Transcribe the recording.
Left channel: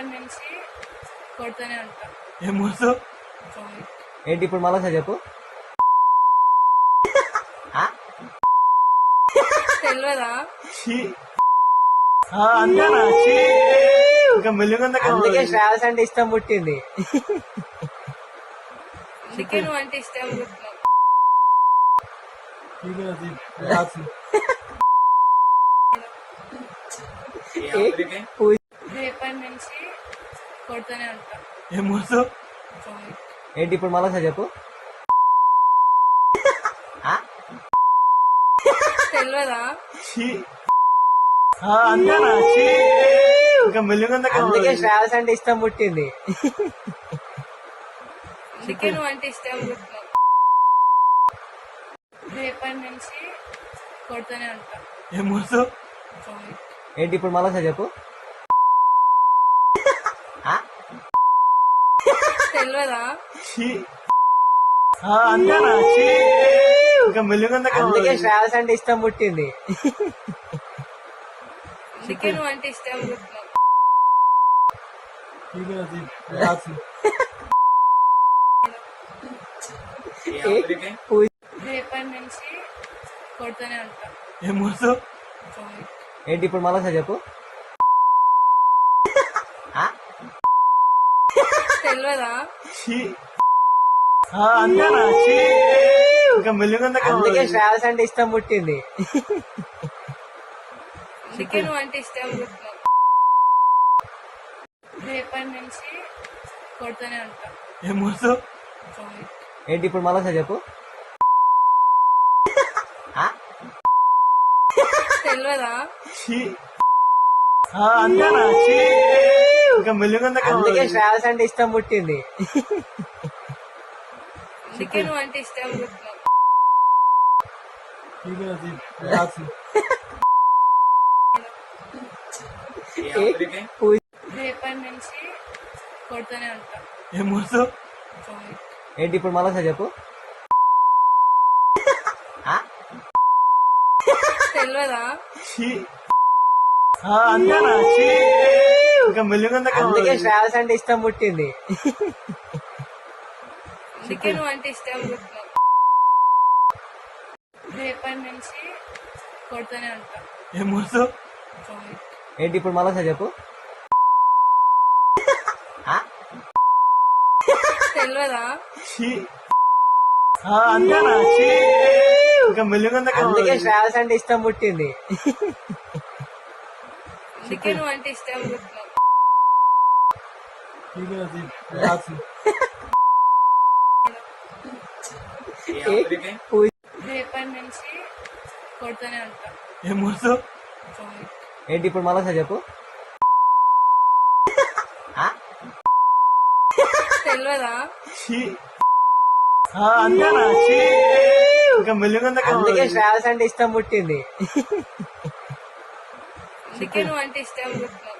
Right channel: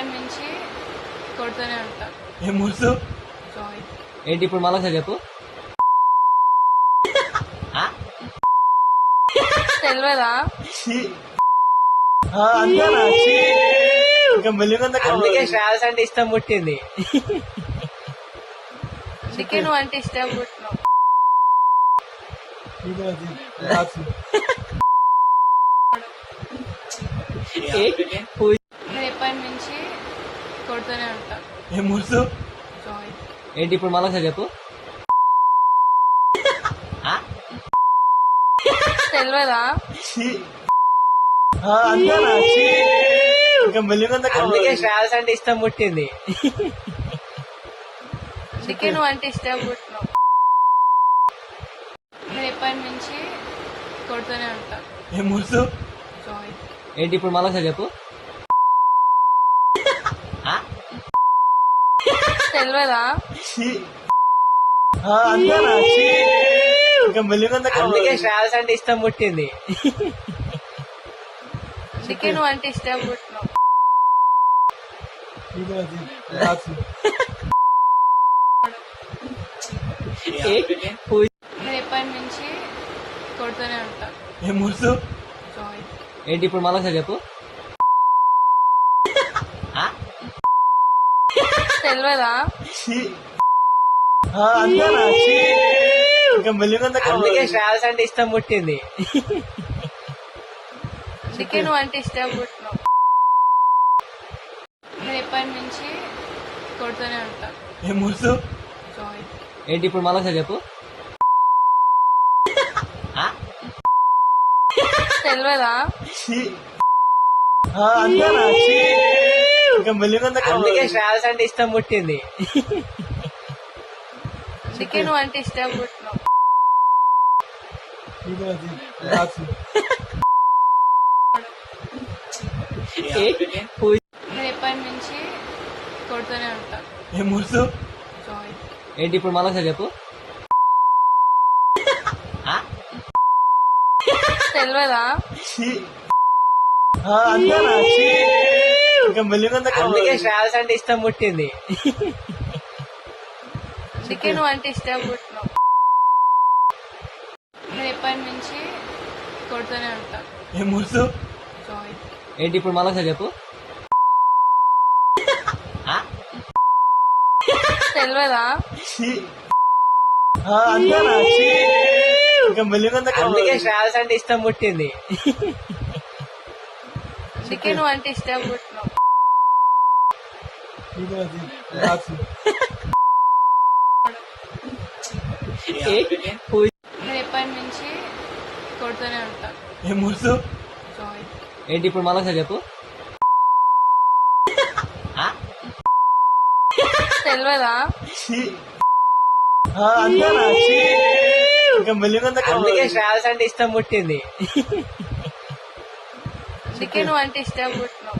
రేపటి నుంచి కొడుతూనే ఉంటా. ఏం మోసం జోయి. ఏంటి ఇప్పుడు నాలో చెప్పు. తెలియదా? ట్రావెల్స్ అంటే ఇష్టం కొట్టింది. చికెన్ అంటే ఇష్టం పుట్టినావు. రేపటి నుంచి కొడుతూనే ఉంటా. ఏం మోసం జోయి. ఏంటి ఇప్పుడు నాలో చెప్పు. తెలియదా? ట్రావెల్స్ అంటే ఇష్టం కొట్టింది. చికెన్ అంటే ఇష్టం పుట్టినావు. రేపటి నుంచి కొడుతూనే ఉంటా. ఏం మోసం జోయి. ఏంటి ఇప్పుడు నాలో చెప్పు. తెలియదా? ట్రావెల్స్ అంటే ఇష్టం కొట్టింది. చికెన్ అంటే ఇష్టం పుట్టినావు. రేపటి నుంచి కొడుతూనే ఉంటా. ఏం మోసం జోయి. ఏంటి ఇప్పుడు నాలో చెప్పు. తెలియదా? ట్రావెల్స్ అంటే ఇష్టం కొట్టింది. చికెన్ అంటే ఇష్టం పుట్టినావు. రేపటి నుంచి కొడుతూనే ఉంటా. ఏం మోసం జోయి. ఏంటి ఇప్పుడు నాలో చెప్పు. తెలియదా? ట్రావెల్స్ అంటే ఇష్టం కొట్టింది. చికెన్ అంటే ఇష్టం పుట్టినావు. రేపటి నుంచి కొడుతూనే ఉంటా. ఏం మోసం జోయి. ఏంటి ఇప్పుడు నాలో చెప్పు. తెలియదా? ట్రావెల్స్ అంటే ఇష్టం కొట్టింది. చికెన్ అంటే ఇష్టం పుట్టినావు. రేపటి నుంచి కొడుతూనే ఉంటా. ఏం మోసం జోయి. ఏంటి ఇప్పుడు నాలో చెప్పు. తెలియదా? ట్రావెల్స్ అంటే ఇష్టం కొట్టింది. చికెన్ అంటే ఇష్టం పుట్టినావు. రేపటి నుంచి కొడుతూనే ఉంటా. ఏం మోసం జోయి. ఏంటి ఇప్పుడు నాలో చెప్పు. తెలియదా? ట్రావెల్స్ అంటే ఇష్టం కొట్టింది. చికెన్ అంటే ఇష్టం పుట్టినావు.